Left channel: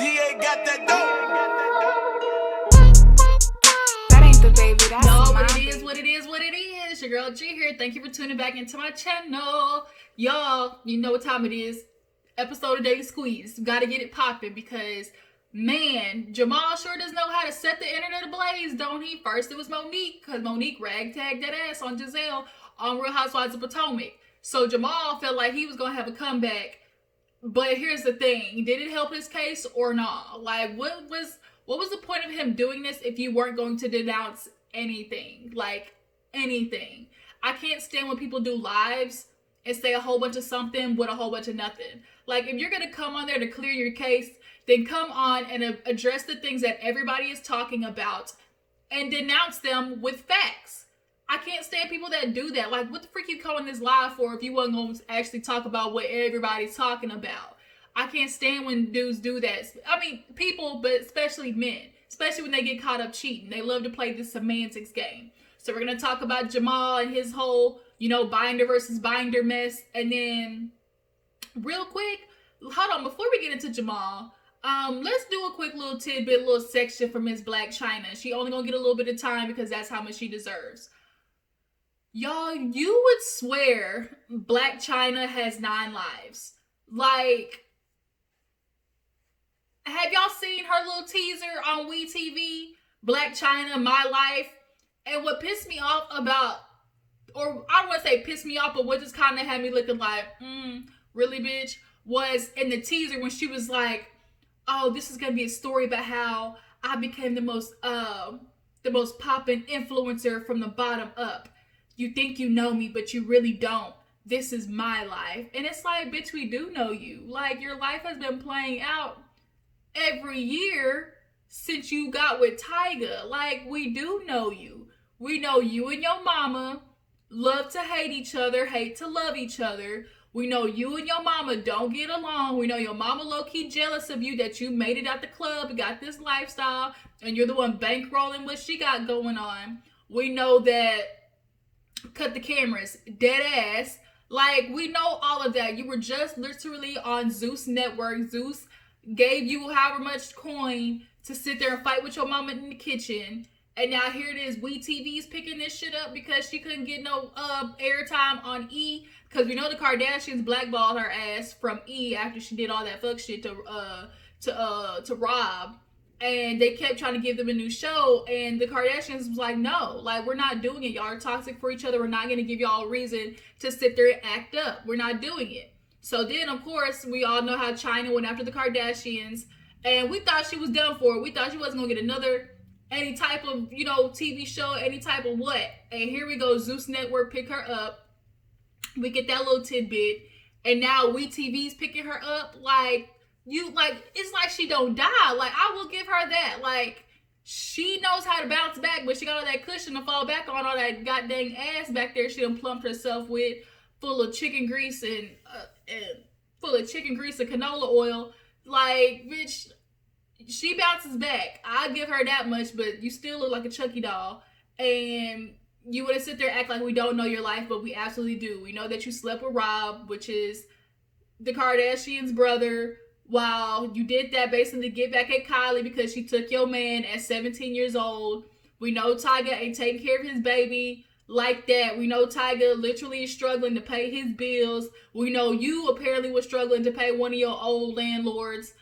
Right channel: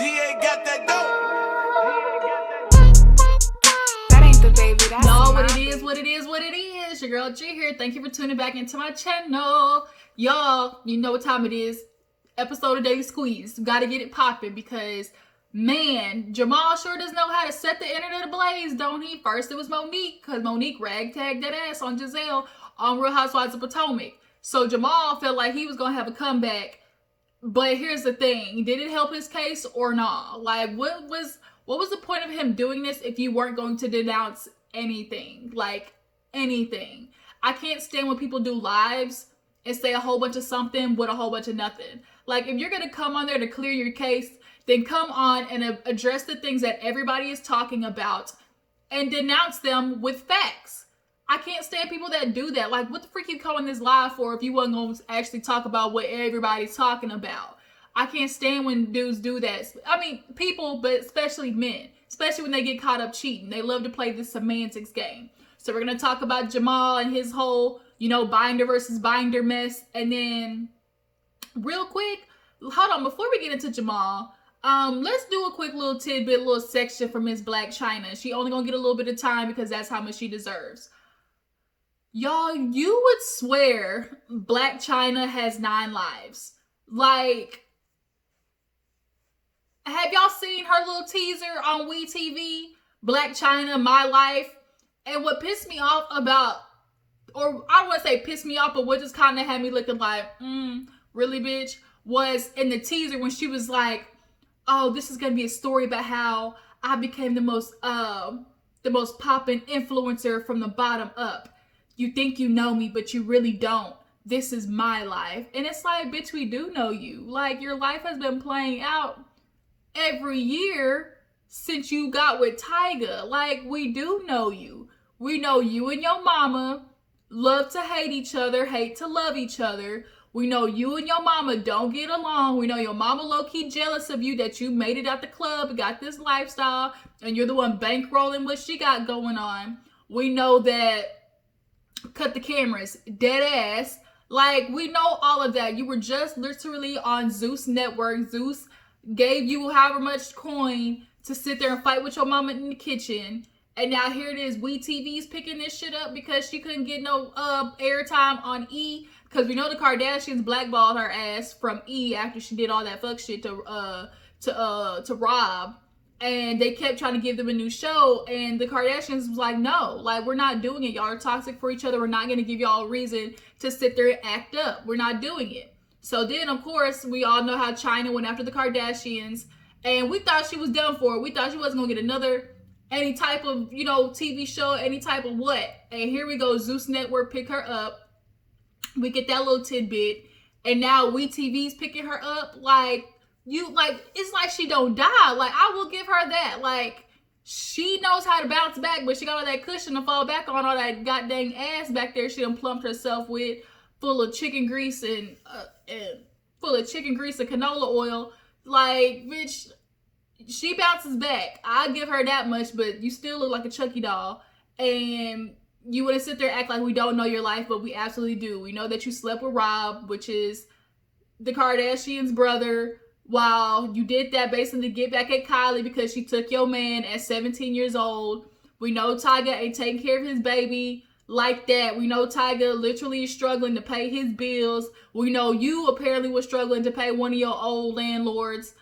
DA got that dope. That ain't the baby, that's No, my what it is, baby. what it is, what it is. Your girl G here. Thank you for tuning back into my channel. Y'all, you know what time it is. Episode of Daily Squeeze. Gotta get it popping because, man, Jamal sure does know how to set the internet ablaze, don't he? First it was Monique, because Monique ragtagged that ass on Gizelle on Real Housewives of Potomac. So Jamal felt like he was gonna have a comeback. But here's the thing, did it help his case or not? Like, what was the point of him doing this if you weren't going to denounce anything? Like, anything. I can't stand when people do lives and say a whole bunch of something with a whole bunch of nothing. Like, if you're going to come on there to clear your case, then come on and address the things that everybody is talking about and denounce them with facts. I can't stand people that do that. Like, what the freak you calling this live for if you wasn't going to actually talk about what everybody's talking about? I can't stand when dudes do that. I mean, people, but especially men. Especially when they get caught up cheating. They love to play this semantics game. So we're going to talk about Jamal and his whole, binder versus binder mess. And then, real quick, hold on, before we get into Jamal, let's do a quick little tidbit, little section for Miss Black Chyna. She only going to get a little bit of time because that's how much she deserves. Y'all, you would swear Black Chyna has 9 lives. Like, have y'all seen her little teaser on WEtv, Black Chyna, My Life? And what pissed me off about, or I don't want to say pissed me off, but what just kind of had me looking like, really, bitch, was in the teaser when she was like, oh, this is going to be a story about how I became the most poppin' influencer from the bottom up. You think you know me, but you really don't. This is my life. And it's like, bitch, we do know you. Like, your life has been playing out every year since you got with Tyga. Like, we do know you. We know you and your mama love to hate each other, hate to love each other. We know you and your mama don't get along. We know your mama low-key jealous of you that you made it out the club and got this lifestyle and you're the one bankrolling what she got going on. We know that, cut the cameras, dead ass. Like, we know all of that. You were just literally on Zeus Network. Zeus gave you however much coin to sit there and fight with your mama in the kitchen. And now here it is, WeTV's picking this shit up because she couldn't get no airtime on E. Because we know the Kardashians blackballed her ass from E after she did all that fuck shit to RHOP. And they kept trying to give them a new show. And the Kardashians was like, no, like, we're not doing it. Y'all are toxic for each other. We're not going to give y'all a reason to sit there and act up. We're not doing it. So then, of course, we all know how Chyna went after the Kardashians. And we thought she was done for. We thought she wasn't going to get any type of, TV show, any type of what. And here we go, Zeus Network pick her up. We get that little tidbit. And now WeTV's picking her up. It's like she don't die. Like, I will give her that. Like, she knows how to bounce back, but she got all that cushion to fall back on, all that goddamn ass back there she done plumped herself with, full of chicken grease and canola oil. Like, bitch, she bounces back. I'll give her that much, but you still look like a Chucky doll. And you want to sit there and act like we don't know your life, but we absolutely do. We know that you slept with Rob, which is the Kardashians' brother. While you did that basically to get back at Kylie because she took your man at 17 years old. We know Tyga ain't taking care of his baby like that. We know Tyga literally is struggling to pay his bills. We know you apparently were struggling to pay one of your old landlords.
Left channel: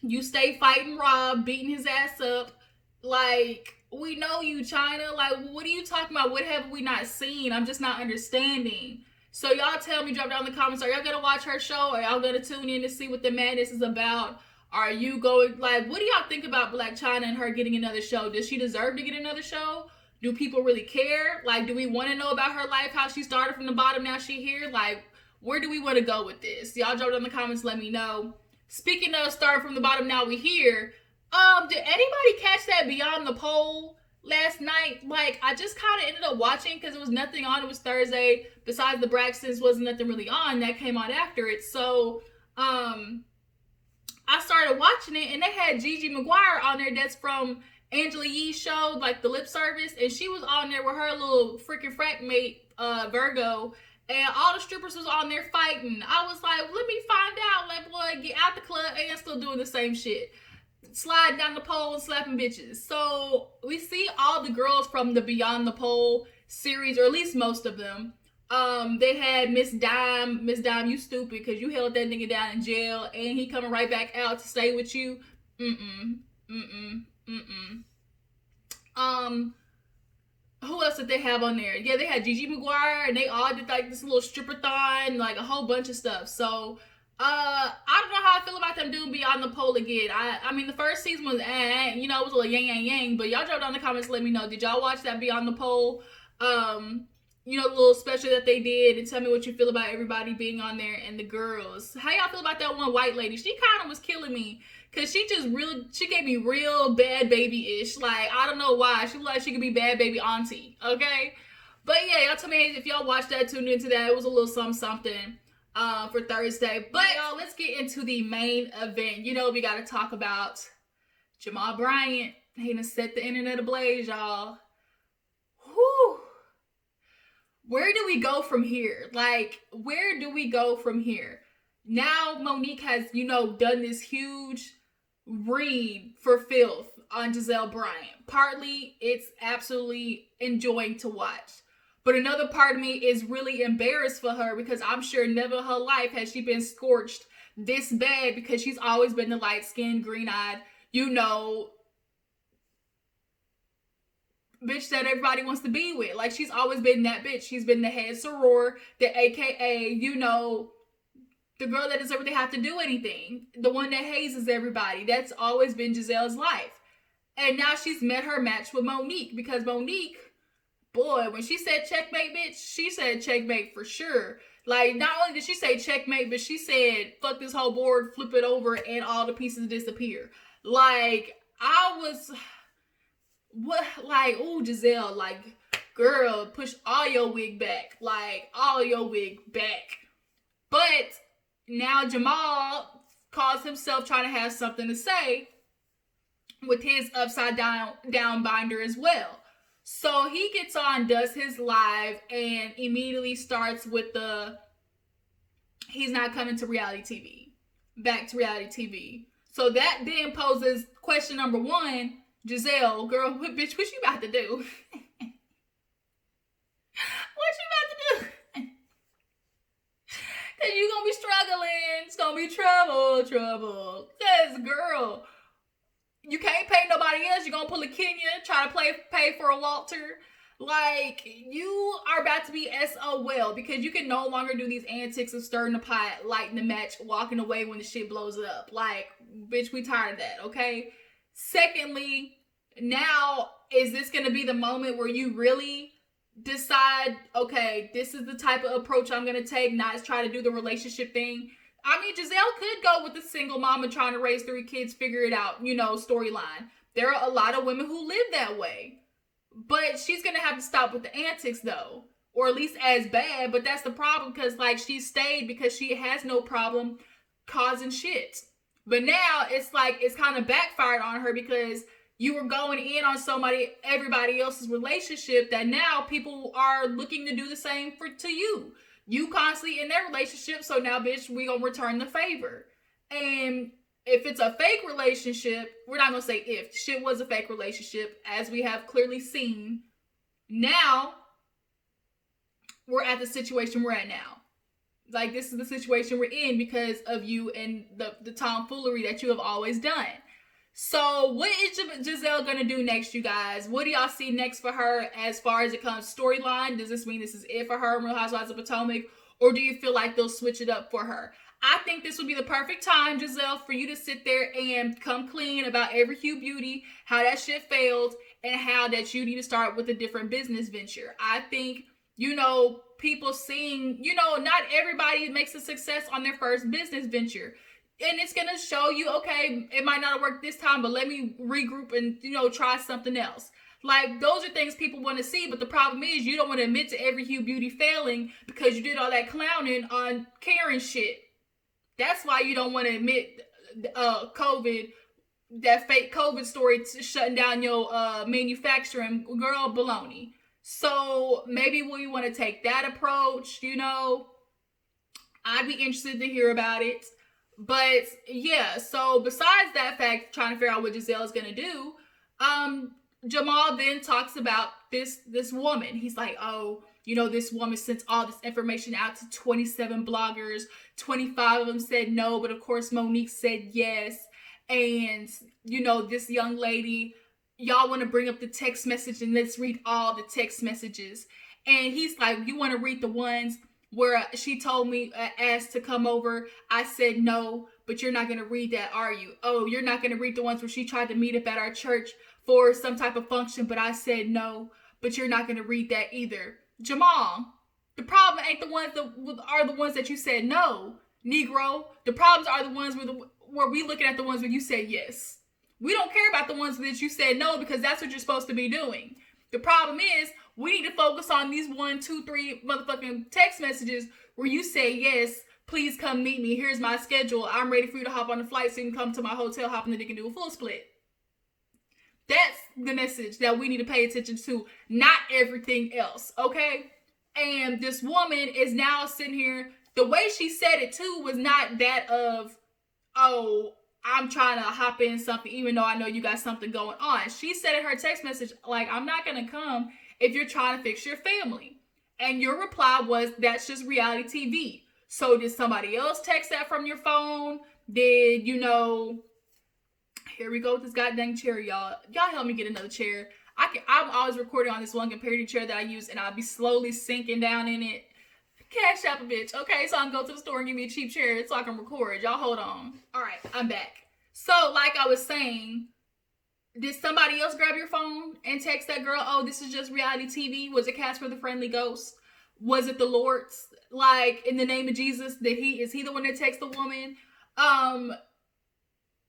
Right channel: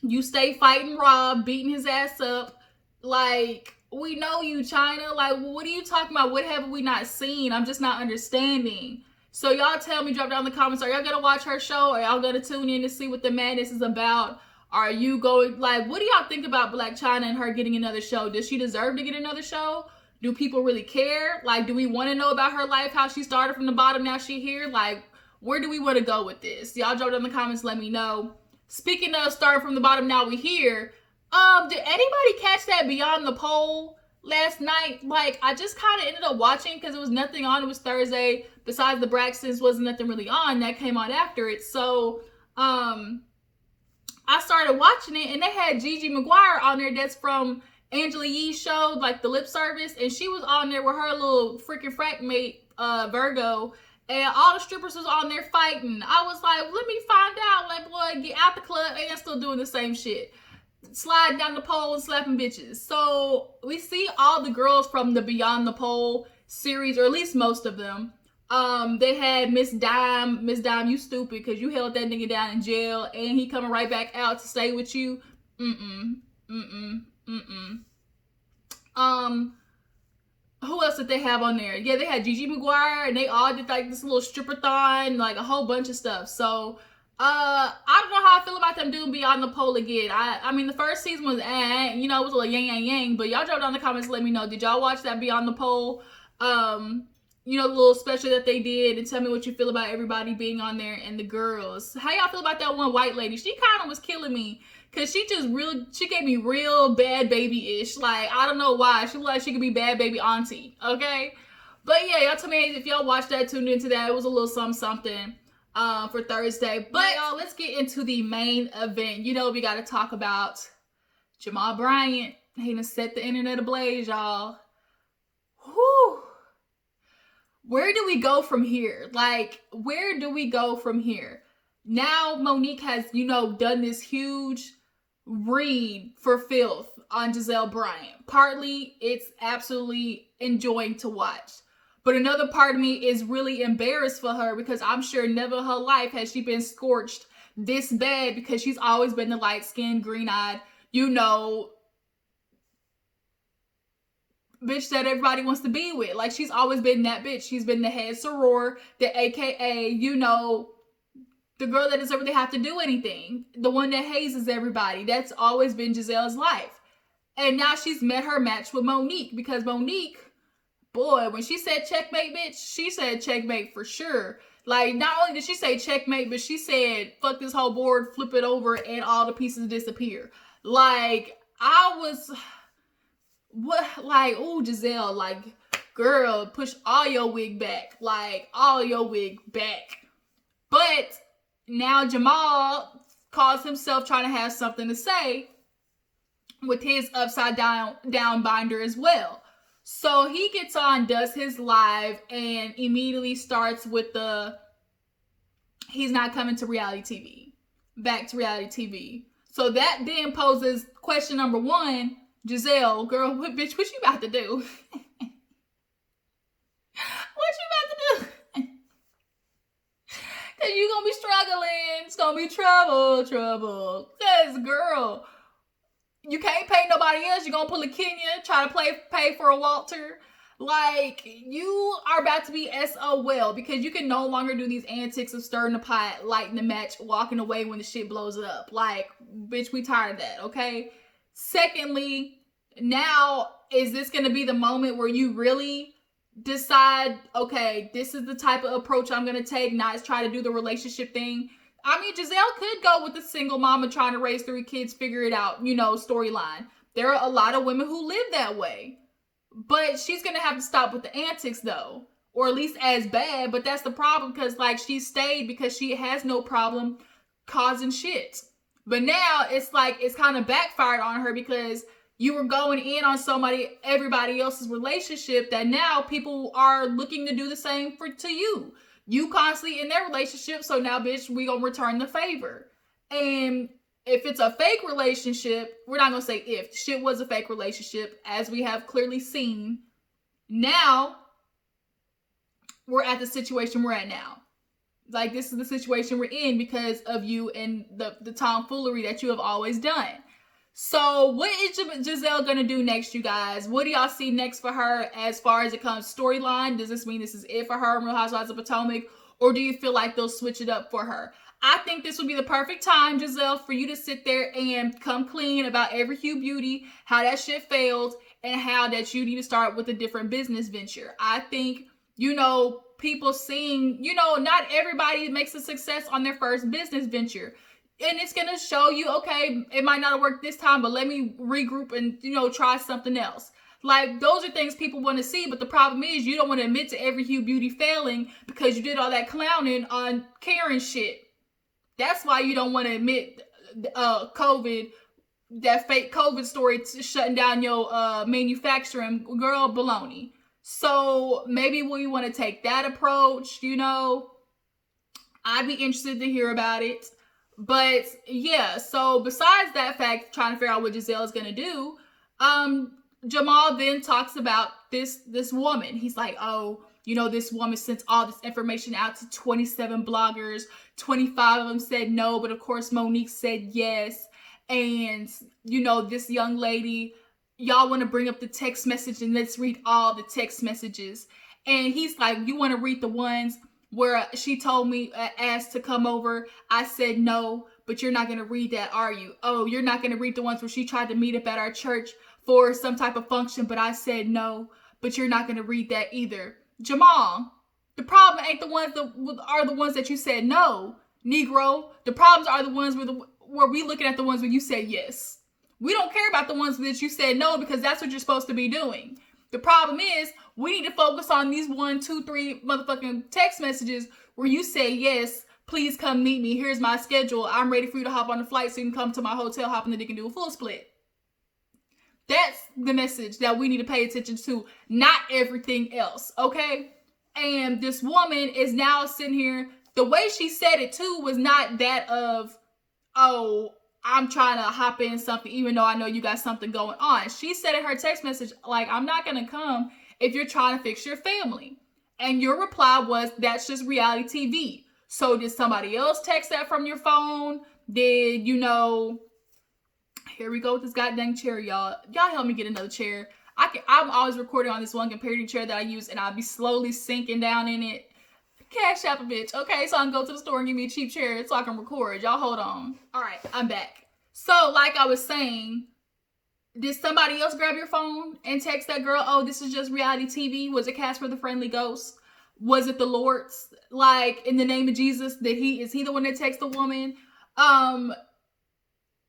You stay fighting Rob, beating his ass up. Like, we know you, Chyna. Like, what are you talking about? What have we not seen? I'm just not understanding. So y'all tell me, drop down in the comments, are y'all gonna watch her show? Or y'all gonna tune in to see what the madness is about? Are you going, like, what do y'all think about Black Chyna and her getting another show? Does she deserve to get another show? Do people really care? Like, do we want to know about her life, how she started from the bottom, now she here? Like, where do we want to go with this? Y'all drop down in the comments, let me know. Speaking of starting from the bottom, now we here. Did anybody catch that Beyond the Pole last night? Like, I just kind of ended up watching because there was nothing on. It was Thursday. Besides the Braxtons, wasn't nothing really on. That came on after it. So, I started watching it, and they had Gigi McGuire on there. That's from Angela Yee's show, like the lip service. And she was on there with her little freaking frat mate, Virgo. and all the strippers was on there fighting. I was like, let me find out. Like, boy, get out the club and still doing the same shit. Sliding down the pole and slapping bitches. So we see all the girls from the Beyond the Pole series, or at least most of them. They had Miss Dime, you stupid, because you held that nigga down in jail, and he coming right back out to stay with you. Who else did they have on there? Yeah, they had Gigi McGuire, and they all did like this little stripper-thon, like a whole bunch of stuff. So, I don't know how I feel about them doing Beyond the Pole again. I mean, the first season was, you know, it was a little yang, but y'all drop down in the comments, let me know. Did y'all watch that Beyond the Pole, you know, the little special that they did, and tell me what you feel about everybody being on there and the girls. How y'all feel about that one white lady? She kind of was killing me. Cause she gave me real bad baby-ish. Like, I don't know why. She looked like she could be bad baby auntie. Okay? But yeah, y'all tell me if y'all watched that, tuned into that. It was a little something for Thursday. But y'all, let's get into the main event. You know, we gotta talk about Jamal Bryant. He done set the internet ablaze, y'all. Whew. Where do we go from here? Like, where do we go from here? Now Monique has, you know, done this huge read for filth on Gizelle Bryant. Partly, it's absolutely enjoying to watch. But another part of me is really embarrassed for her, because I'm sure never in her life has she been scorched this bad, because she's always been the light-skinned, green-eyed, you know, bitch that everybody wants to be with. Like, she's always been that bitch. She's been the head soror, the AKA, you know, the girl that doesn't really have to do anything. The one that hazes everybody. That's always been Gizelle's life. And now she's met her match with Monique. Because Monique, boy, when she said checkmate, bitch, she said checkmate for sure. Like, not only did she say checkmate, but she said, fuck this whole board, flip it over, and all the pieces disappear. Like, I was, what, like, ooh, Gizelle, like, girl, push all your wig back. Like, all your wig back. But now Jamal calls himself trying to have something to say with his upside down binder as well. So he gets on, does his live, and immediately starts with he's not coming to reality TV. Back to reality TV. So that then poses question number one, Gizelle, girl, bitch, what you about to do? What you about to do? Cause you gonna be struggling. It's gonna be trouble. Cause girl, you can't pay nobody else. You're gonna pull a Kenya, try to pay for a Walter. Like, you are about to be SOL, because you can no longer do these antics of stirring the pot, lighting the match, walking away when the shit blows up. Like, bitch, we tired of that, okay? Secondly, now, is this gonna be the moment where you really decide, okay, this is the type of approach I'm gonna take, not try to do the relationship thing? I mean, Gizelle could go with the single mama trying to raise 3 kids, figure it out, you know, storyline. There are a lot of women who live that way. But she's gonna have to stop with the antics, though. Or at least as bad. But that's the problem, because, like, she stayed because she has no problem causing shit. But now it's like it's kind of backfired on her, because you were going in on everybody else's relationship, that now people are looking to do the same to you. You constantly in their relationship, so now, bitch, we gonna return the favor. And if it's a fake relationship, we're not gonna say if. Shit was a fake relationship, as we have clearly seen. Now, we're at the situation we're at now. Like, this is the situation we're in because of you and the tomfoolery that you have always done. So, what is Gizelle gonna do next, you guys? What do y'all see next for her as far as it comes storyline? Does this mean this is it for her in Real Housewives of Potomac? Or do you feel like they'll switch it up for her? I think this would be the perfect time, Gizelle, for you to sit there and come clean about every Hue Beauty, how that shit failed, and how that you need to start with a different business venture. I think, you know, people seeing, you know, not everybody makes a success on their first business venture. And it's going to show you, okay, it might not have worked this time, but let me regroup and, you know, try something else. Like, those are things people want to see, but the problem is you don't want to admit to every Hue Beauty failing because you did all that clowning on Karen shit. That's why you don't want to admit COVID, that fake COVID story shutting down your manufacturing. Girl, baloney. So maybe we want to take that approach, you know. I'd be interested to hear about it. But yeah, so besides that fact, trying to figure out what Gizelle is gonna do, Jamal then talks about this woman. He's like, oh, you know, this woman sent all this information out to 27 bloggers. 25 of them said no, but of course Monique said yes. And you know, this young lady, y'all want to bring up the text message, and let's read all the text messages. And he's like, you want to read the ones where she told me, asked to come over. I said no, but you're not going to read that, are you? Oh, you're not going to read the ones where she tried to meet up at our church for some type of function, but I said no, but you're not going to read that either. Jamal, the problem ain't the ones that are the ones that you said no, Negro. The problems are the ones where we looking at the ones where you said yes. We don't care about the ones that you said no, because that's what you're supposed to be doing. The problem is, we need to focus on these 1, 2, 3 motherfucking text messages where you say, yes, please come meet me. Here's my schedule. I'm ready for you to hop on the flight so you can come to my hotel, hop in the dick and do a full split. That's the message that we need to pay attention to, not everything else, okay? And this woman is now sitting here. The way she said it, too, was not that of, oh, I'm trying to hop in something, even though I know you got something going on. She said in her text message, like, I'm not going to come if you're trying to fix your family. And your reply was, that's just reality TV. So did somebody else text that from your phone? Did, you know, here we go with this goddamn chair, y'all. Y'all help me get another chair. I'm always recording on this one comparative chair that I use, and I'll be slowly sinking down in it. CASHAPP a bitch. Okay, so I can go to the store and give me a cheap chair so I can record. Y'all hold on. All right, I'm back. So, like I was saying, did somebody else grab your phone and text that girl, oh, this is just reality TV? Was it Casper the Friendly Ghost? Was it the Lord's? Like, in the name of Jesus, is he the one that texted the woman? And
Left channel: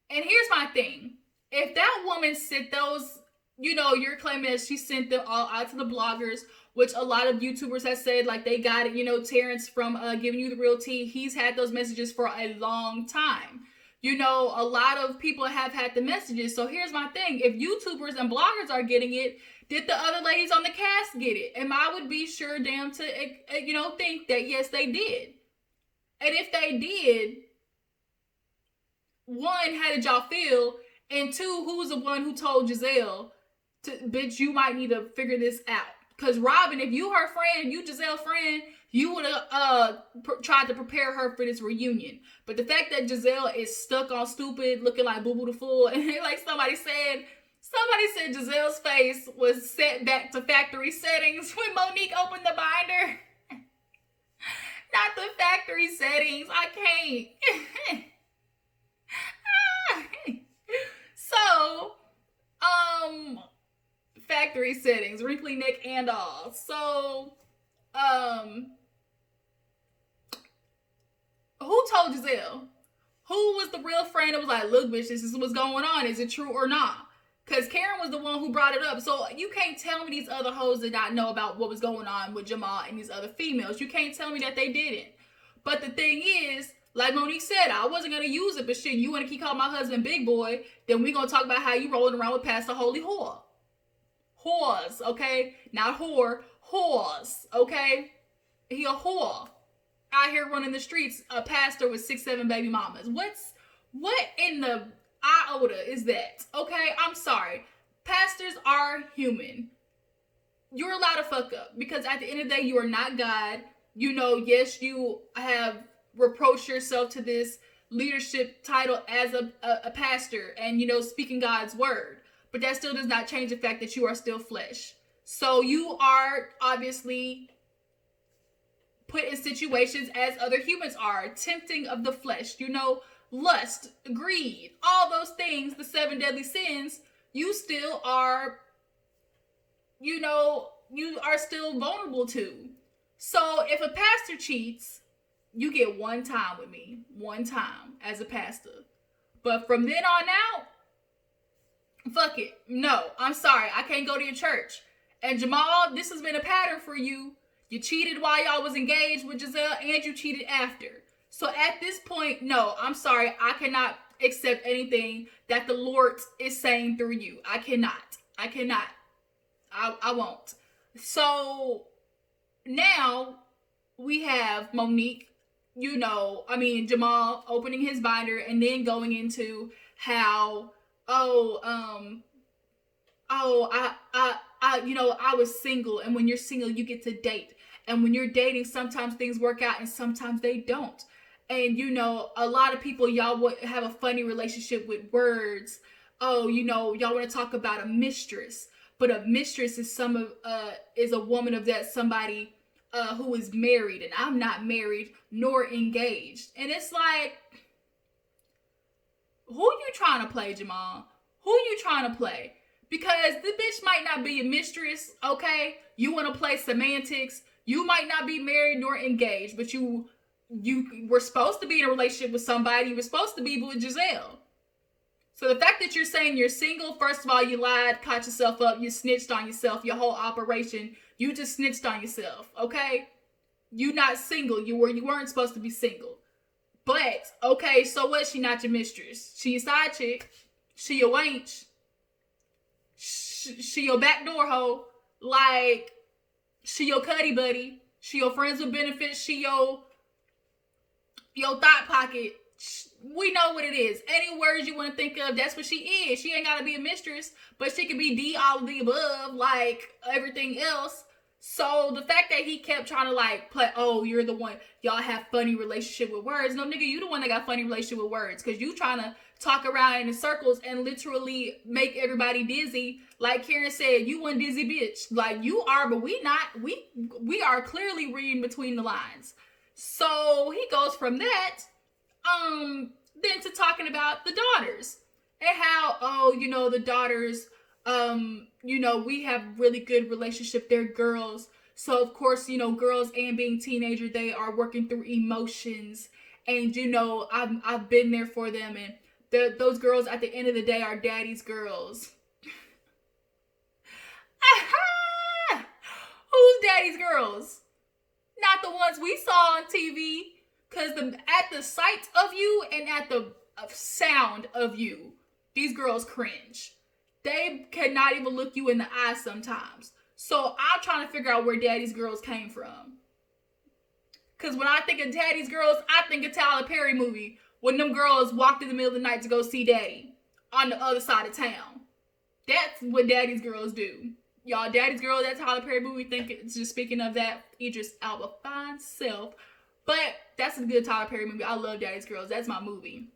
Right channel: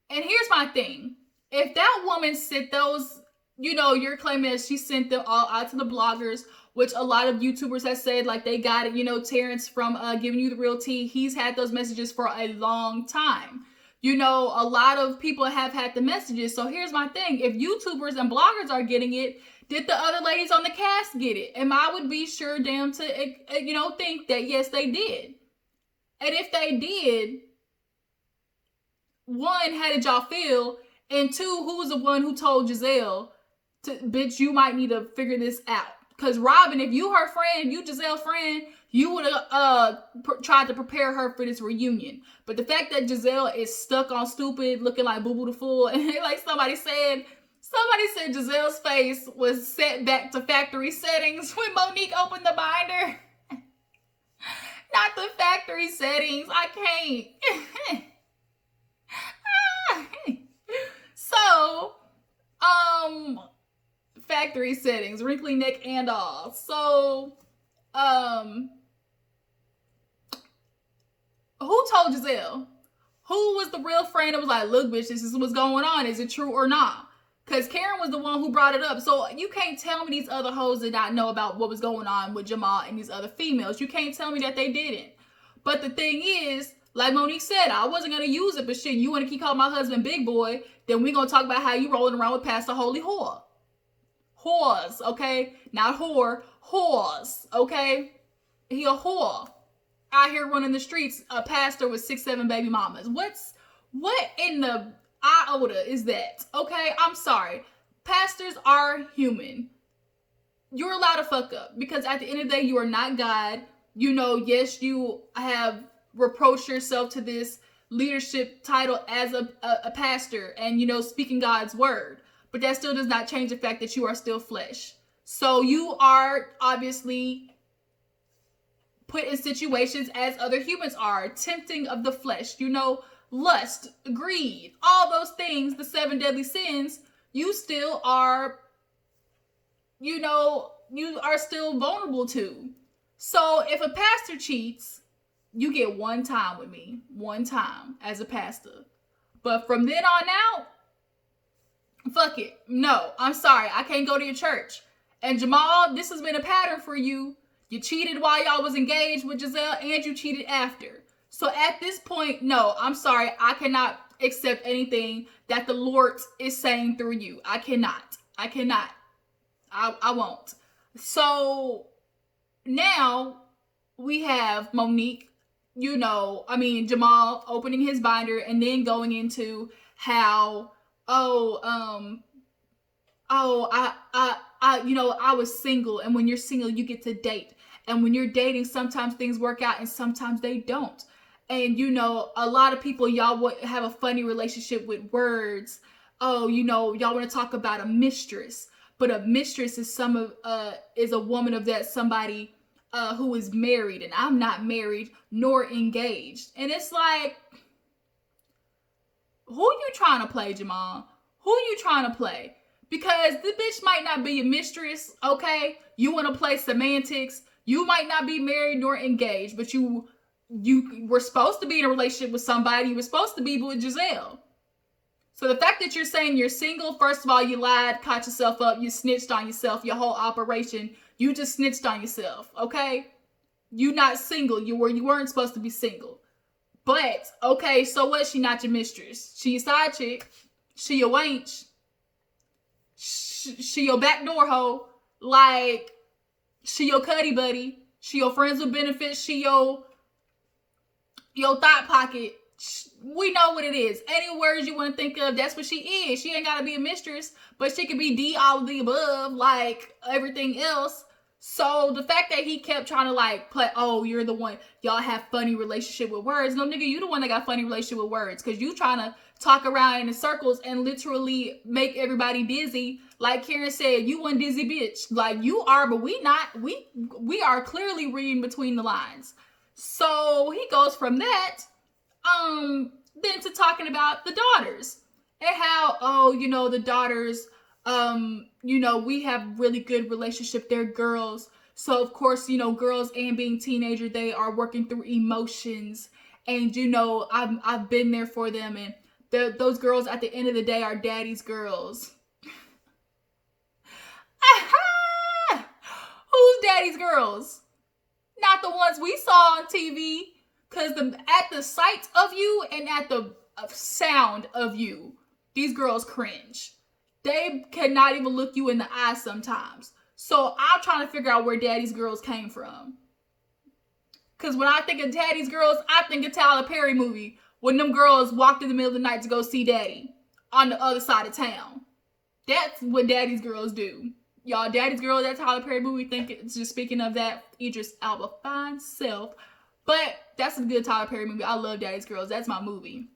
here's my thing. If that woman sent those, you know, you're claiming that she sent them all out to the bloggers, which a lot of YouTubers have said, like, they got it. You know, Terrence from Giving You the Real Tea, he's had those messages for a long time. You know, a lot of people have had the messages. So here's my thing. If YouTubers and bloggers are getting it, did the other ladies on the cast get it? And I would be sure damn to, you know, think that, yes, they did. And if they did, one, how did y'all feel? And two, who was the one who told Gizelle, bitch, you might need to figure this out? Because Robin, if you her friend, you Gizelle friend, you would have tried to prepare her for this reunion. But the fact that Gizelle is stuck on stupid, looking like Boo Boo the Fool, and like somebody said Giselle's face was set back to factory settings when Monique opened the binder. Not the factory settings. I can't. So, factory settings, wrinkly neck and all. So, who told Gizelle? Who was the real friend that was like, look, bitch, this is what's going on. Is it true or not? Because Karen was the one who brought it up. So you can't tell me these other hoes did not know about what was going on with Jamal and these other females. You can't tell me that they didn't. But the thing is, like Monique said, I wasn't going to use it, but shit, you want to keep calling my husband big boy, then we're going to talk about how you rolling around with Pastor Holy Whore. Whores, okay? Not whore, whores, okay? He a whore. Out here running the streets, a pastor with 6, 7 baby mamas. What in the iota is that? Okay, I'm sorry. Pastors are human. You're allowed to fuck up, because at the end of the day, you are not God. You know, yes, you have reproached yourself to this leadership title as a pastor and, you know, speaking God's word. But that still does not change the fact that you are still flesh. So you are obviously put in situations as other humans are, tempting of the flesh, you know, lust, greed, all those things, the 7 deadly sins, you still are, you know, you are still vulnerable to. So if a pastor cheats, you get one time with me, one time as a pastor. But from then on out, fuck it. No, I'm sorry. I can't go to your church. And Jamal, this has been a pattern for you. You cheated while y'all was engaged with Gizelle, and you cheated after. So at this point, no, I'm sorry. I cannot accept anything that the Lord is saying through you. I cannot. I won't. So now we have Monique, Jamal opening his binder and then going into how, oh, I was single, and when you're single, you get to date. And when you're dating, sometimes things work out and sometimes they don't. And a lot of people, y'all would have a funny relationship with words. Oh, y'all want to talk about a mistress, but a mistress is a woman of that somebody who is married, and I'm not married nor engaged. And it's like, who you trying to play, Jamal? Who you trying to play? Because the bitch might not be your mistress, okay? You want to play semantics. You might not be married nor engaged, but you were supposed to be in a relationship with somebody. You were supposed to be with Gizelle. So the fact that you're saying you're single, first of all, you lied, caught yourself up, you snitched on yourself, your whole operation, you just snitched on yourself, okay? You not single. You weren't supposed to be single. But, okay, so what? She not your mistress. She your side chick. She your wench. She your backdoor hoe. Like, she your cuddy buddy. She your friends with benefits. She your thought pocket. We know what it is. Any words you want to think of, that's what she is. She ain't got to be a mistress, but she can be D, all of the above, like everything else. So the fact that he kept trying to like play, oh, you're the one, y'all have funny relationship with words. No, nigga, you the one that got funny relationship with words, because you trying to talk around in circles and literally make everybody dizzy. Like Karen said, you one dizzy bitch. Like you are, but we not. We are clearly reading between the lines. So he goes from that, then to talking about the daughters and how, oh, the daughters, we have really good relationship. They're girls. So of course, girls and being teenager, they are working through emotions, and I've been there for them, and those girls at the end of the day are daddy's girls. Who's daddy's girls? Not the ones we saw on TV. Because at the sight of you and at the sound of you, these girls cringe. They cannot even look you in the eye sometimes. So I'm trying to figure out where daddy's girls came from. Because when I think of daddy's girls, I think of Tyler Perry movie. When them girls walked in the middle of the night to go see daddy on the other side of town. That's what daddy's girls do. Y'all, daddy's girl, that Tyler Perry movie, think it's just speaking of that, Idris Elba fine self. But that's a good Tyler Perry movie. I love Daddy's Girls. That's my movie.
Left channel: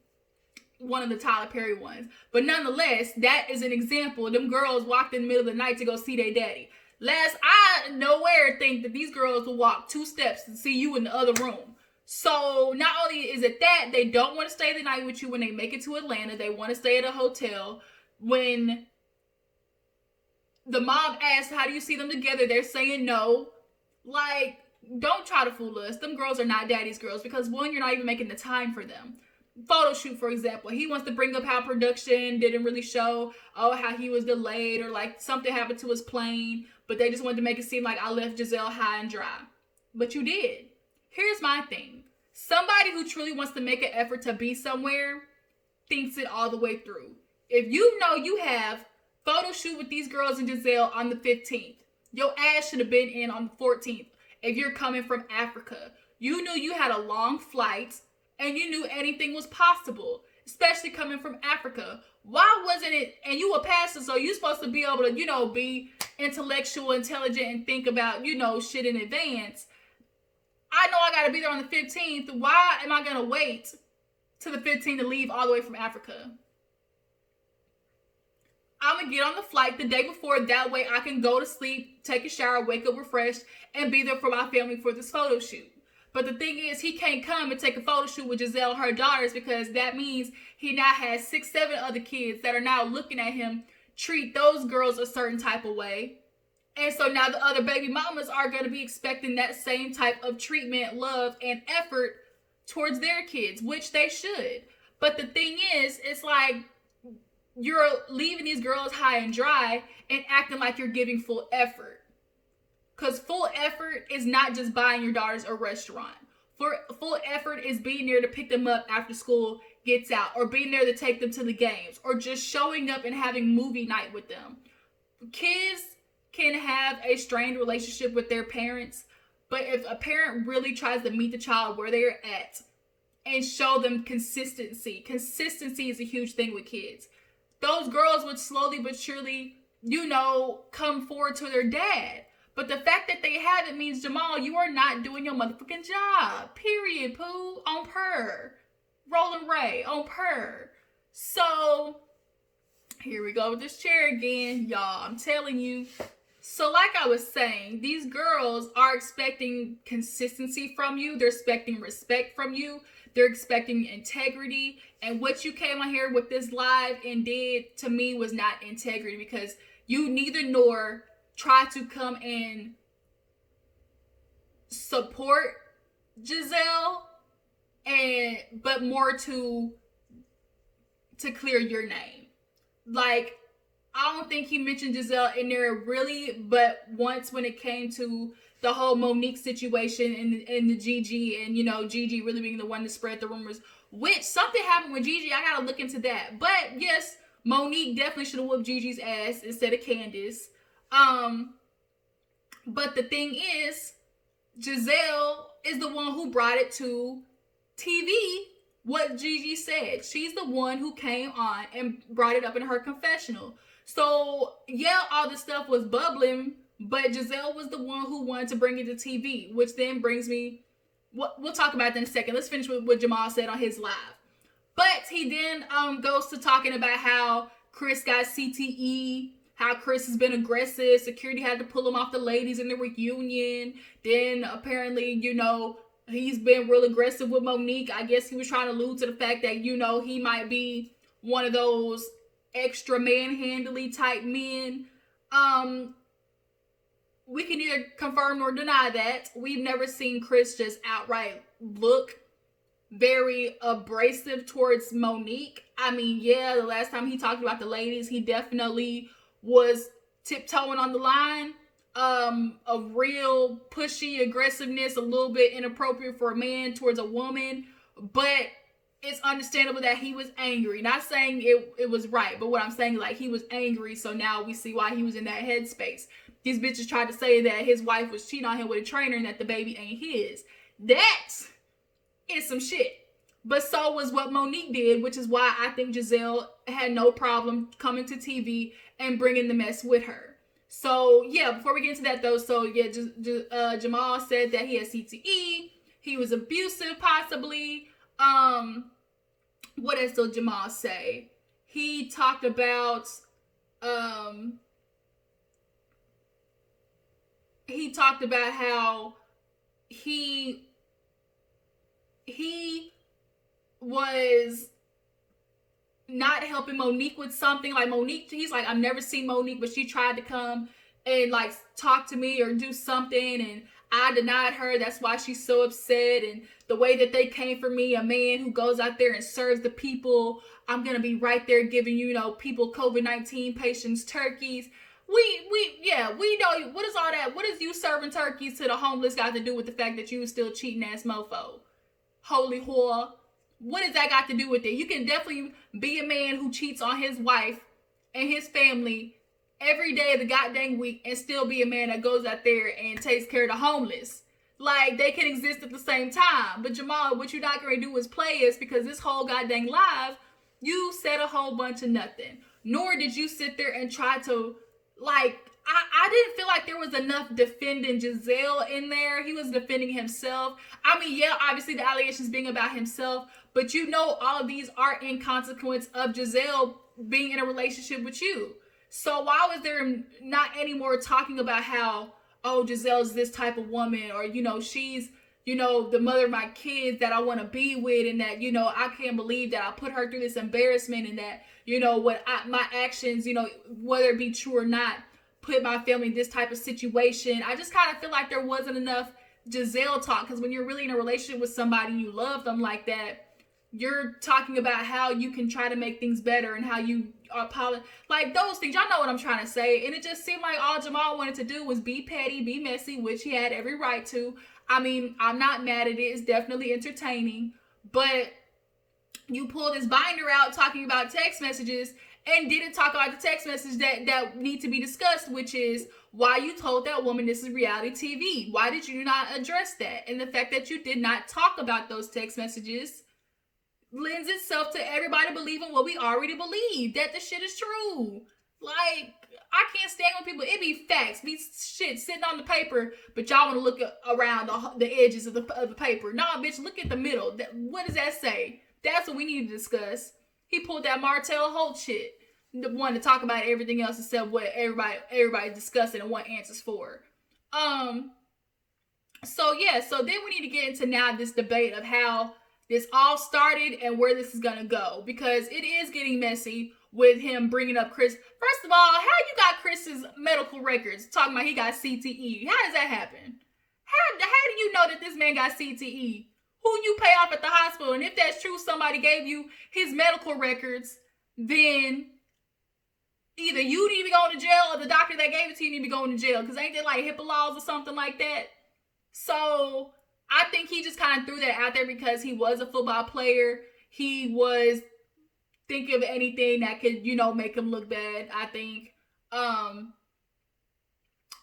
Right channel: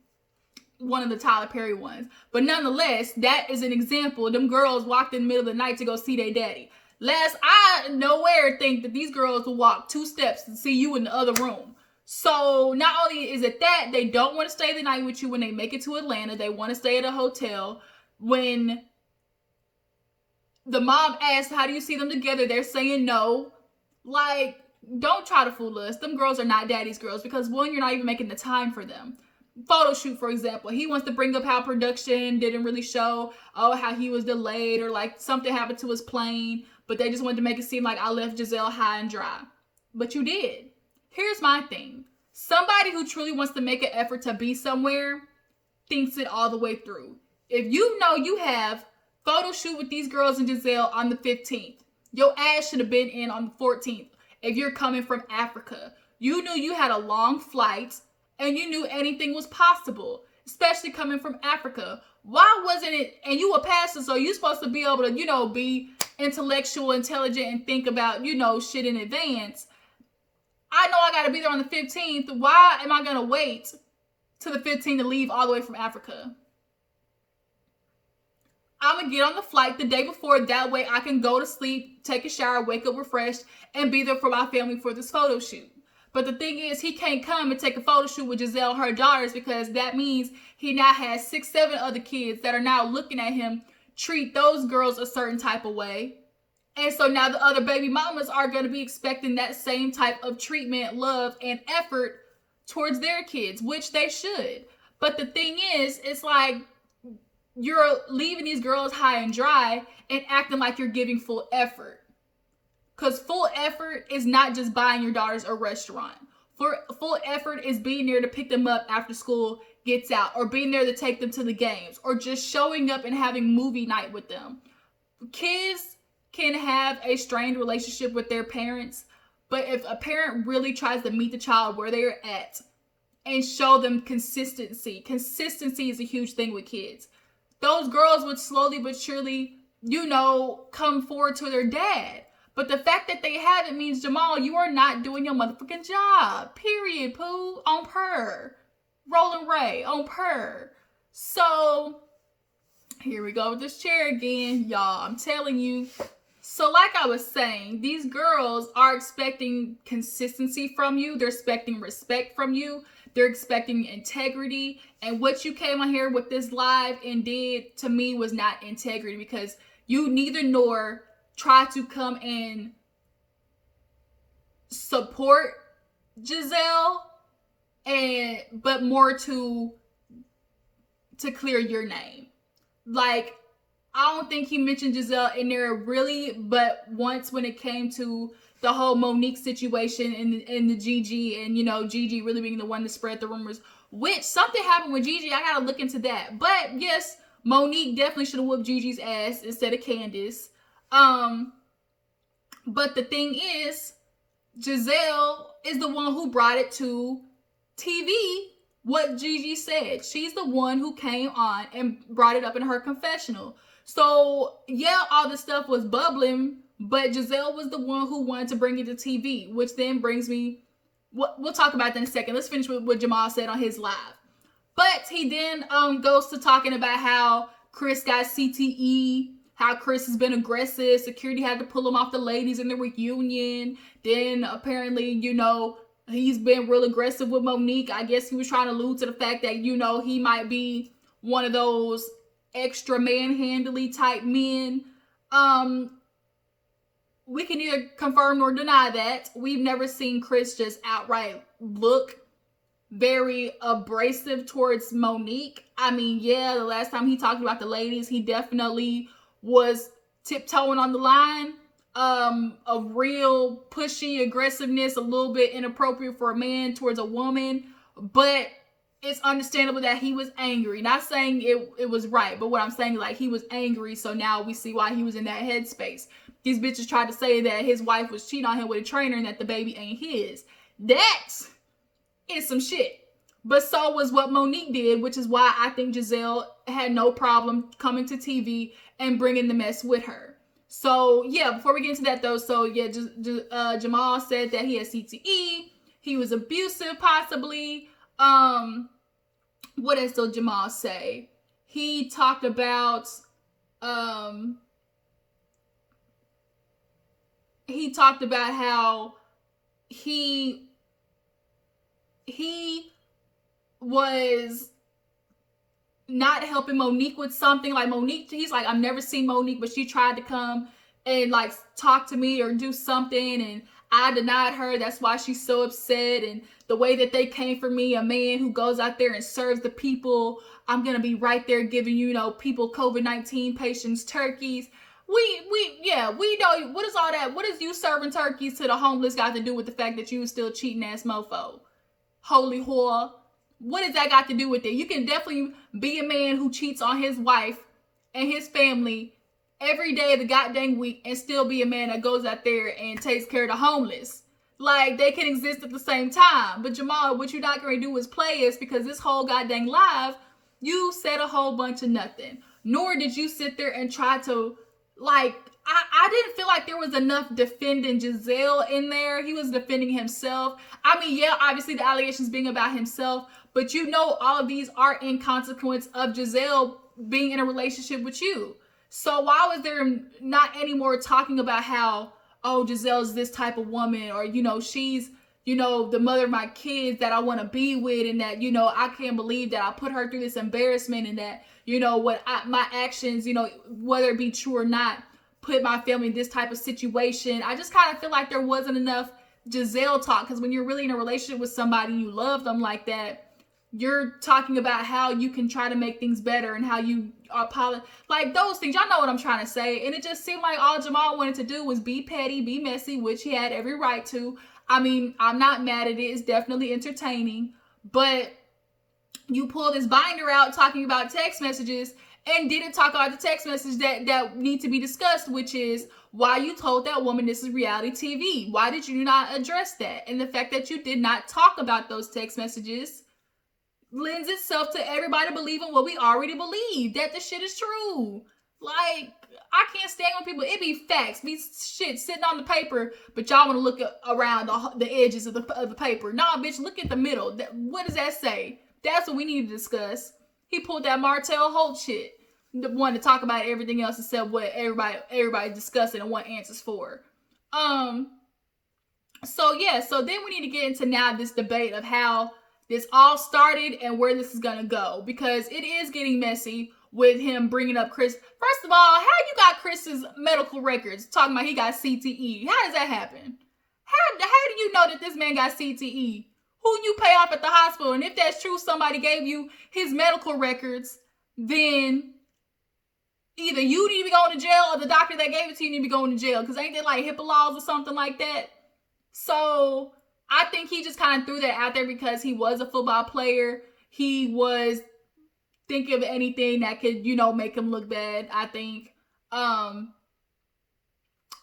One of the Tyler Perry ones. But nonetheless, that is an example. Them girls walked in the middle of the night to go see their daddy. I nowhere think that these girls will walk 2 steps to see you in the other room. So not only is it that, they don't want to stay the night with you when they make it to Atlanta. They want to stay at a hotel. When the mom asks, how do you see them together? They're saying no. Like, don't try to fool us. Them girls are not daddy's girls because, one, you're not even making the time for them. Photo shoot, for example. He wants to bring up how production didn't really show, how he was delayed or like something happened to his plane, but they just wanted to make it seem like I left Gizelle high and dry. But you did. Here's my thing. Somebody who truly wants to make an effort to be somewhere thinks it all the way through. If you know you have photo shoot with these girls and Gizelle on the 15th, your ass should have been in on the 14th. If you're coming from Africa, you knew you had a long flight and you knew anything was possible, especially coming from Africa. Why wasn't it, and you a pastor, so you're supposed to be able to, be intellectual, intelligent, and think about, shit in advance. I know I got to be there on the 15th. Why am I going to wait to the 15th to leave all the way from Africa? I'm going to get on the flight the day before. That way I can go to sleep, take a shower, wake up refreshed, and be there for my family for this photo shoot. But the thing is, he can't come and take a photo shoot with Gizelle, her daughters, because that means he now has 6, 7 other kids that are now looking at him treat those girls a certain type of way. And so now the other baby mamas are going to be expecting that same type of treatment, love, and effort towards their kids, which they should. But the thing is, it's like, you're leaving these girls high and dry and acting like you're giving full effort. Because full effort is not just buying your daughters a restaurant. Full effort is being there to pick them up after school gets out, or being there to take them to the games, or just showing up and having movie night with them. Kids can have a strained relationship with their parents, but if a parent really tries to meet the child where they're at and show them consistency is a huge thing with kids. Those girls would slowly but surely, come forward to their dad. But the fact that they haven't means, Jamal, you are not doing your motherfucking job. Period, poo. On per. Rolling Ray. On per. So, here we go with this chair again. Y'all, I'm telling you. So like I was saying, these girls are expecting consistency from you. They're expecting respect from you. They're expecting integrity. And what you came on here with this live and did to me was not integrity, because you neither nor try to come and support Gizelle, but more to clear your name. Like, I don't think he mentioned Gizelle in there really, but once when it came to the whole Monique situation and the Gigi, and Gigi really being the one to spread the rumors, which something happened with Gigi. I gotta look into that. But yes, Monique definitely should have whooped Gigi's ass instead of Candace. But the thing is, Gizelle is the one who brought it to TV. What Gigi said, she's the one who came on and brought it up in her confessional. So yeah, all this stuff was bubbling, but Gizelle was the one who wanted to bring it to TV, which then brings me, we'll talk about that in a second. Let's finish with what Jamal said on his live. But he then goes to talking about how Chris got CTE, how Chris has been aggressive, security had to pull him off the ladies in the reunion. Then apparently, he's been real aggressive with Monique. I guess he was trying to allude to the fact that, he might be one of those extra manhandly type men. We can neither confirm nor deny that. We've never seen Chris just outright look very abrasive towards Monique. I mean, yeah, the last time he talked about the ladies, he definitely was tiptoeing on the line of real pushy aggressiveness, a little bit inappropriate for a man towards a woman. But it's understandable that he was angry. Not saying it was right, but what I'm saying, like, he was angry, so now we see why he was in that headspace. These bitches tried to say that his wife was cheating on him with a trainer and that the baby ain't his. That is some shit. But so was what Monique did, which is why I think Gizelle had no problem coming to TV and bringing the mess with her. So, yeah, before we get into that, though, so, yeah, Jamal said that he had CTE. He was abusive, possibly. What else did Jamal say? He talked about, how he was not helping Monique with something. Like, Monique, he's like, I've never seen Monique, but she tried to come and like talk to me or do something, and I denied her. That's why she's so upset. And the way that they came for me, a man who goes out there and serves the people, I'm gonna be right there giving people COVID-19 patients turkeys. We know, what is all that? What is you serving turkeys to the homeless got to do with the fact that you was still cheating ass mofo? Holy whore. What does that got to do with it? You can definitely be a man who cheats on his wife and his family every day of the goddamn week and still be a man that goes out there and takes care of the homeless. Like, they can exist at the same time. But Jamal, what you're not going to do is play us, because this whole goddamn live, you said a whole bunch of nothing. Nor did you sit there and try to, like, I didn't feel like there was enough defending Gizelle in there. He was defending himself. I mean, yeah, obviously the allegations being about himself, but all of these are in consequence of Gizelle being in a relationship with you. So why was there not any more talking about how, oh, Gizelle's this type of woman, or, she's, the mother of my kids that I want to be with, and that, I can't believe that I put her through this embarrassment, and that, my actions, whether it be true or not, put my family in this type of situation. I just kind of feel like there wasn't enough Gizelle talk, because when you're really in a relationship with somebody, you love them like that, you're talking about how you can try to make things better and how you apologize, like those things. Y'all know what I'm trying to say. And it just seemed like all Jamal wanted to do was be petty, be messy, which he had every right to. I mean, I'm not mad at it. It's definitely entertaining. But you pull this binder out talking about text messages and didn't talk about the text message that need to be discussed, which is why you told that woman this is reality TV. Why did you not address that? And the fact that you did not talk about those text messages lends itself to everybody believing what we already believe, that the shit is true. Like, I can't stand when people, it be facts, be shit sitting on the paper, but y'all want to look around the edges of the paper. Nah, bitch, look at the middle. What does that say? That's what we need to discuss. He pulled that Martell Holt shit. The one to talk about everything else except what everybody's discussing and what answers for. So then we need to get into now this debate of how this all started and where this is gonna go, because it is getting messy with him bringing up Chris. First of all, how you got Chris's medical records talking about he got CTE? How does that happen? How do you know that this man got CTE? Who you pay off at the hospital? And if that's true, somebody gave you his medical records, then either you need to be going to jail or the doctor that gave it to you need to be going to jail. Because ain't there like HIPAA laws or something like that? So I think he just kind of threw that out there because he was a football player. He was thinking of anything that could, make him look bad, I think.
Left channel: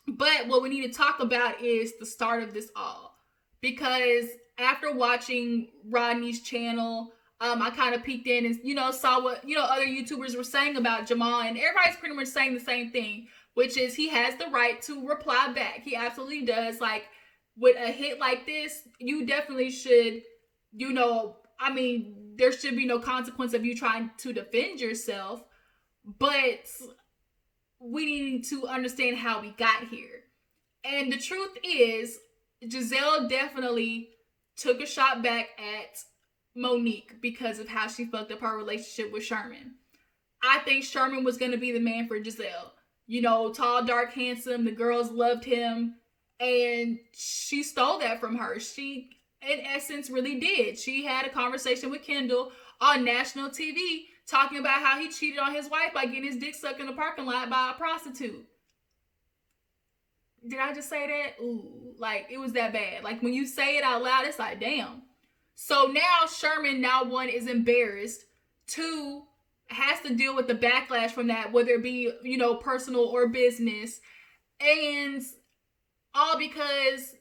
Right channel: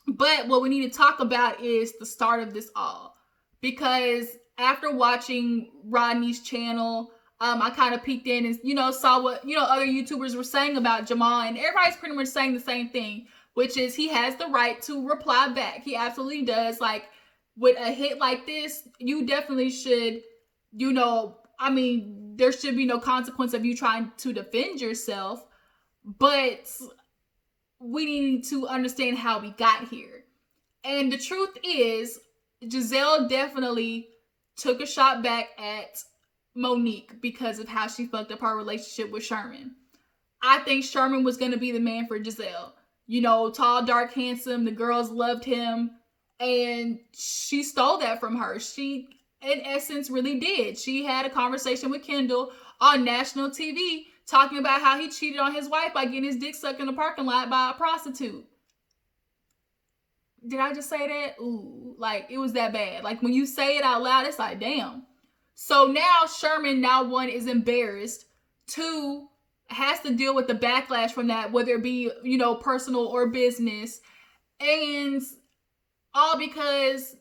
But what we need to talk about is the start of this all. Because after watching Rodney's channel, I kind of peeked in and, saw what, other YouTubers were saying about Jamal. And everybody's pretty much saying the same thing, which is he has the right to reply back. He absolutely does. Like, with a hit like this, you definitely should, there should be no consequence of you trying to defend yourself. But we need to understand how we got here. And the truth is, Gizelle definitely took a shot back at Monique because of how she fucked up her relationship with Sherman. I think Sherman was going to be the man for Gizelle. Tall, dark, handsome. The girls loved him. And she stole that from her. She, in essence, really did. She had a conversation with Kendall on national TV talking about how he cheated on his wife by getting his dick sucked in the parking lot by a prostitute. Did I just say that? Ooh, like, it was that bad. Like, when you say it out loud, it's like, damn. So now Sherman, one, is embarrassed. Two, has to deal with the backlash from that, whether it be, personal or business. And all because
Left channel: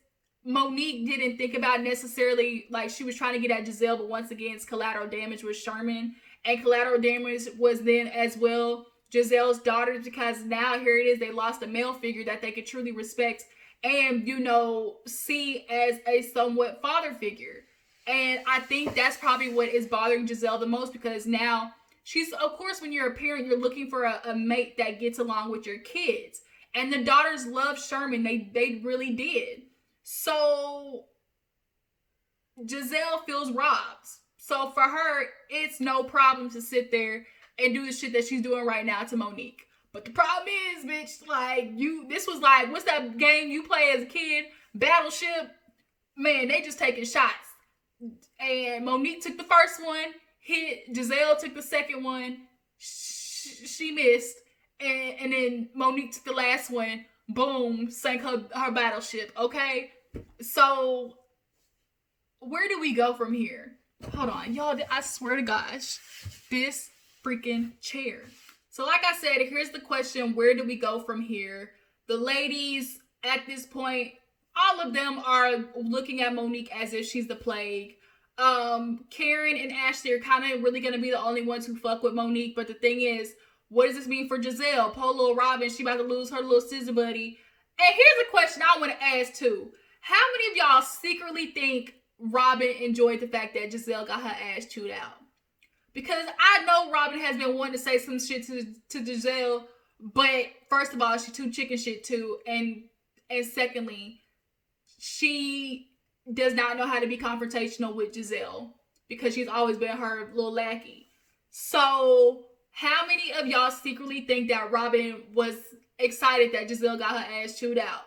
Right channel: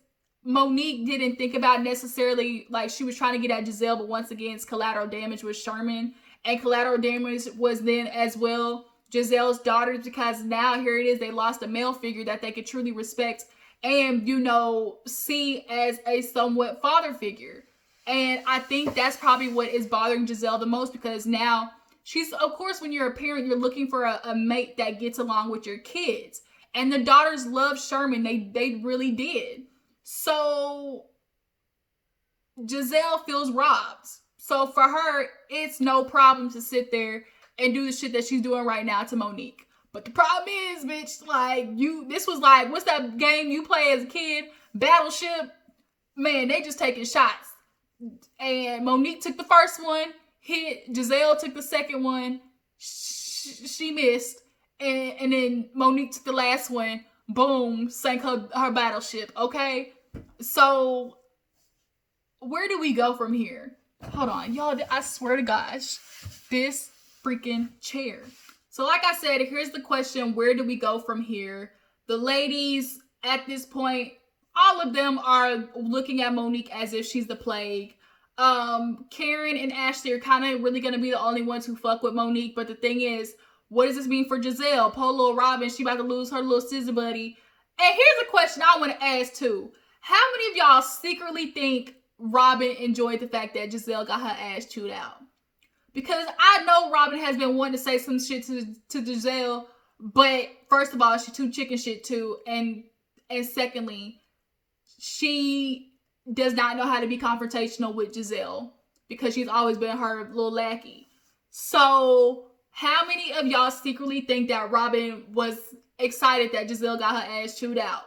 Monique didn't think about necessarily, like, she was trying to get at Gizelle, but once again, it's collateral damage with Sherman. And collateral damage was then as well Gizelle's daughters, because now here it is, they lost a male figure that they could truly respect and, see as a somewhat father figure. And I think that's probably what is bothering Gizelle the most, because now she's, of course, when you're a parent, you're looking for a mate that gets along with your kids. And the daughters loved Sherman. They really did. So Gizelle feels robbed. So for her, it's no problem to sit there and do the shit that she's doing right now to Monique. But the problem is, bitch, like, this was like, what's that game you play as a kid? Battleship? Man, they just taking shots. And Monique took the first one, hit. Gizelle took the second one. She missed. And then Monique took the last one. Boom, sank her battleship. Okay? So, where do we go from here? Hold on. Y'all, I swear to gosh. This freaking chair. So, like I said, here's the question. Where do we go from here? The ladies, at this point, all of them are looking at Monique as if she's the plague. Karen and Ashley are kind of really going to be the only ones who fuck with Monique. But the thing is, what does this mean for Gizelle? Poor little Robin, she about to lose her little scissor buddy. And here's a question I want to ask too. How many of y'all secretly think Robin enjoyed the fact that Gizelle got her ass chewed out? Because I know Robin has been wanting to say some shit to Gizelle, but first of all, she too chicken shit too. And secondly, she does not know how to be confrontational with Gizelle because she's always been her little lackey. So how many of y'all secretly think that Robin was excited that Gizelle got her ass chewed out?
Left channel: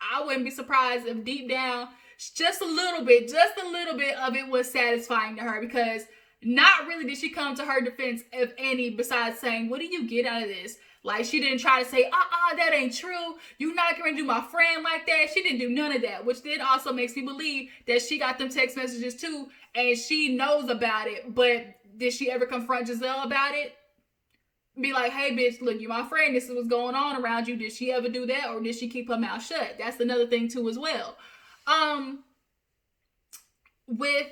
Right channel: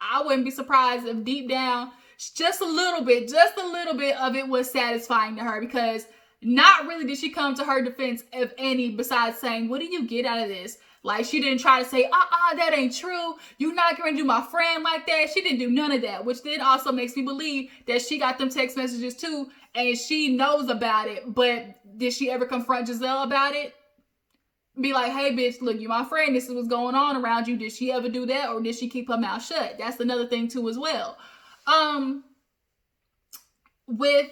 I wouldn't be surprised if deep down, just a little bit of it was satisfying to her, because not really did she come to her defense, if any, besides saying, what do you get out of this? Like, she didn't try to say, that ain't true. You're not going to do my friend like that. She didn't do none of that, which then also makes me believe that she got them text messages too and she knows about it, but did she ever confront Gizelle about it? Be like, hey bitch, look, you're my friend, this is what's going on around you. Did she ever do that, or did she keep her mouth shut? That's another thing too as well. With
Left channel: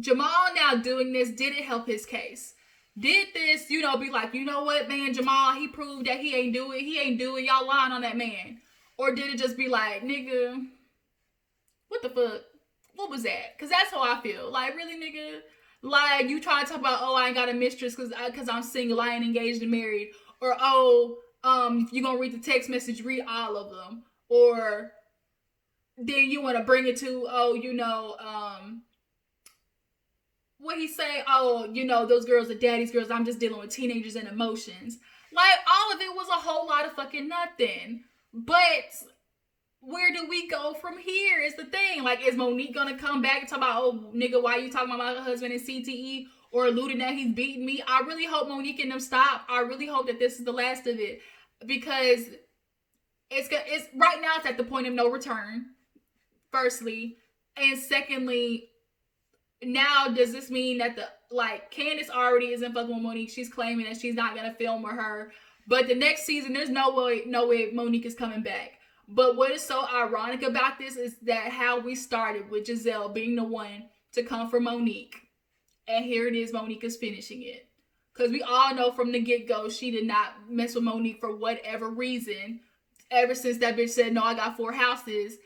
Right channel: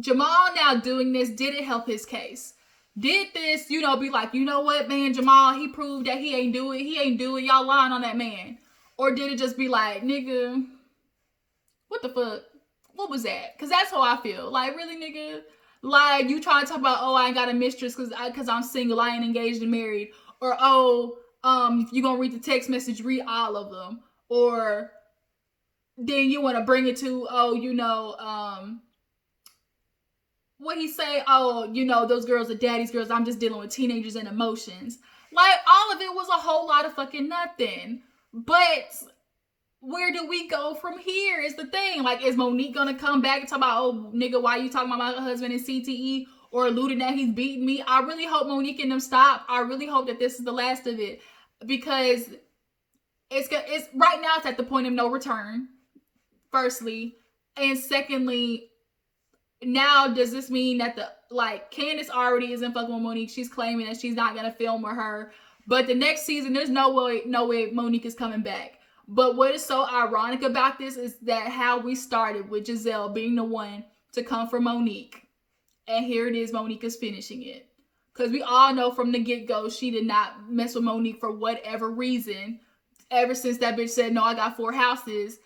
Jamal now doing this, did it help his case? Did this, be like, you know what, man, Jamal, he proved that he ain't do it, y'all lying on that man? Or did it just be like, nigga, what the fuck? What was that? Because that's how I feel. Like, really, nigga? Like, you trying to talk about, oh, I ain't got a mistress because I'm single, I ain't engaged and married. Or, oh, if you're going to read the text message, read all of them. Or then you want to bring it to, what he say? Oh, those girls are daddy's girls. I'm just dealing with teenagers and emotions. Like, all of it was a whole lot of fucking nothing. But where do we go from here is the thing. Like, is Monique gonna come back and talk about, oh, nigga, why you talking about my husband in CTE? Or alluding that he's beating me? I really hope Monique and them stop. I really hope that this is the last of it. Because it's right now it's at the point of no return, firstly. And secondly, now does this mean that Candace already isn't fucking with Monique? She's claiming that she's not gonna film with her. But the next season, there's no way Monique is coming back. But what is so ironic about this is that how we started with Gizelle being the one to come for Monique. And here it is, Monique is finishing it. Because we all know from the get-go, she did not mess with Monique for whatever reason. Ever since that bitch said, no, I got 4 houses,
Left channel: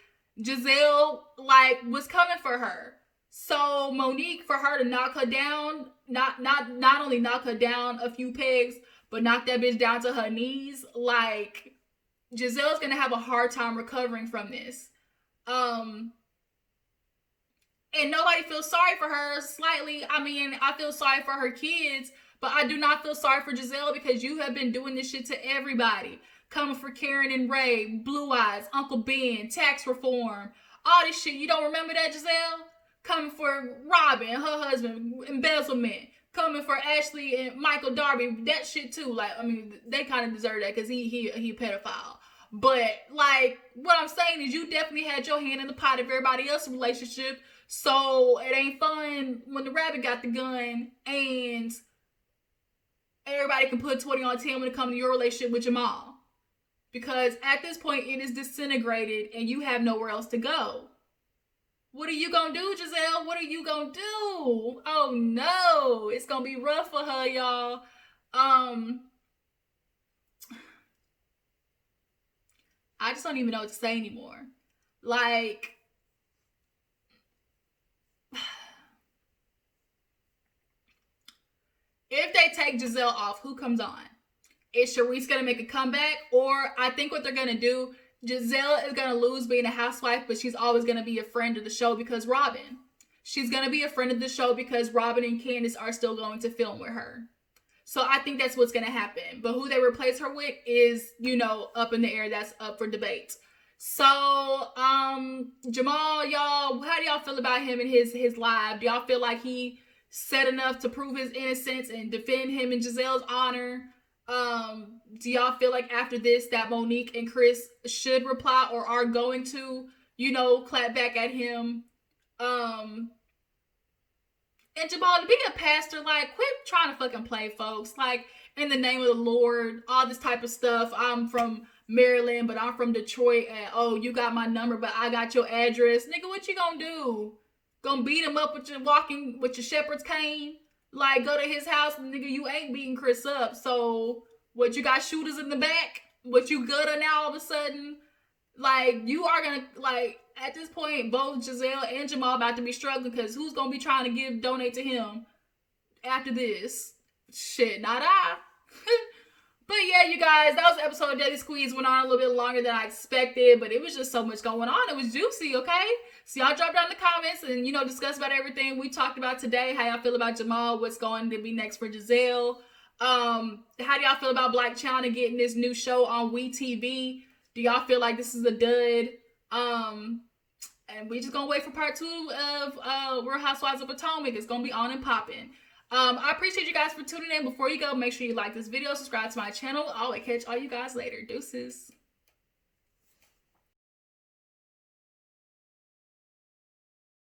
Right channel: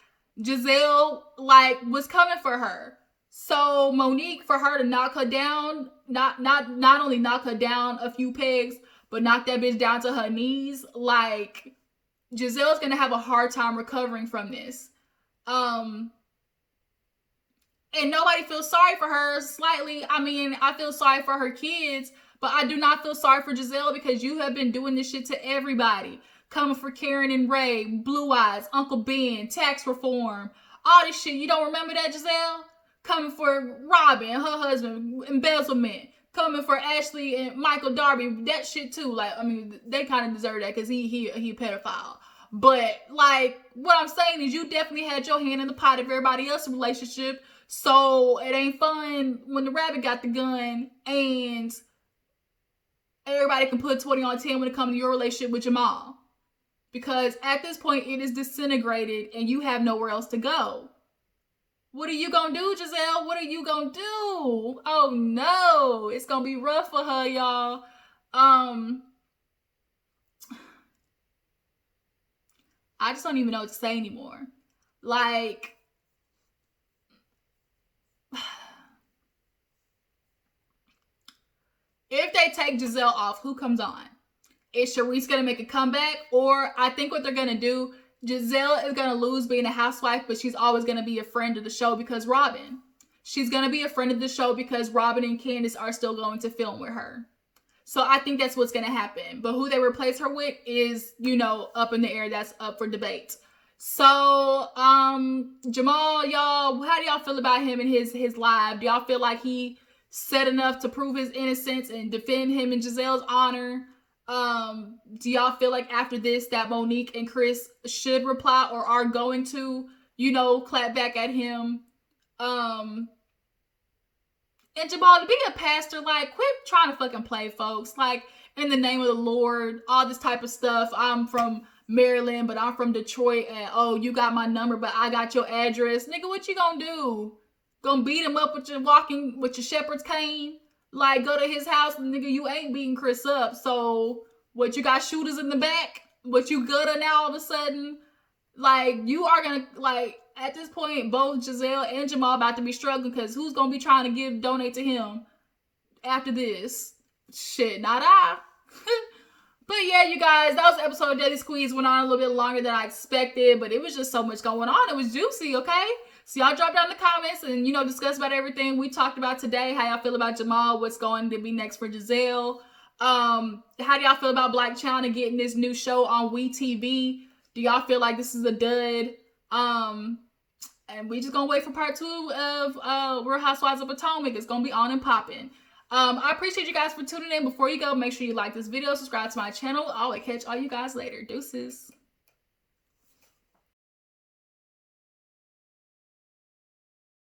Gizelle, was coming for her. So Monique, for her to knock her down, not only knock her down a few pegs, but knock that bitch down to her knees, Gizelle's gonna have a hard time recovering from this. And nobody feels sorry for her slightly. I mean, I feel sorry for her kids, but I do not feel sorry for Gizelle because you have been doing this shit to everybody. Coming for Karen and Ray, Blue Eyes, Uncle Ben, tax reform, all this shit. You don't remember that, Gizelle? Coming for Robin, her husband, embezzlement. Coming for Ashley and Michael Darby, that shit too. They kind of deserve that because he a pedophile. But, what I'm saying is you definitely had your hand in the pot of everybody else's relationship. So, it ain't fun when the rabbit got the gun and everybody can put 20 on 10 when it comes to your relationship with Jamal. Because at this point, it is disintegrated and you have nowhere else to go. What are you gonna do, Gizelle? What are you gonna do? Oh, no. It's gonna be rough for her, y'all. I just don't even know what to say anymore. If they take Gizelle off, who comes on? Is Sharice gonna make a comeback? Or I think what they're gonna do, Gizelle is gonna lose being a housewife, but she's always gonna be a friend of the show because Robin. She's gonna be a friend of the show because Robin and Candace are still going to film with her. So I think that's what's going to happen. But who they replace her with is, up in the air. That's up for debate. So, Jamal, y'all, how do y'all feel about him and his live? Do y'all feel like he said enough to prove his innocence and defend him in Gizelle's honor? Do y'all feel like after this that Monique and Chris should reply or are going to, clap back at him? And Jamal, to be a pastor, quit trying to fucking play, folks. In the name of the Lord, all this type of stuff. I'm from Maryland, but I'm from Detroit. And, oh, you got my number, but I got your address. Nigga, what you gonna do? Gonna beat him up with your shepherd's cane? Go to his house, nigga, you ain't beating Chris up. So, what, you got shooters in the back? What, you gooder now all of a sudden? You are gonna, at this point, both Gizelle and Jamal about to be struggling because who's gonna be trying to donate to him after this? Shit, not I. But yeah, you guys, that was the episode of Daily Squeeze. Went on a little bit longer than I expected, but it was just so much going on. It was juicy, okay? So y'all drop down in the comments and, discuss about everything we talked about today. How y'all feel about Jamal? What's going to be next for Gizelle? How do y'all feel about Black Chyna getting this new show on WEtv? Do y'all feel like this is a dud? And we just gonna wait for part 2 of Real Housewives of Potomac. It's gonna be on and popping. I appreciate you guys for tuning in. Before you go, make sure you like this video, subscribe to my channel. I'll catch all you guys later. Deuces.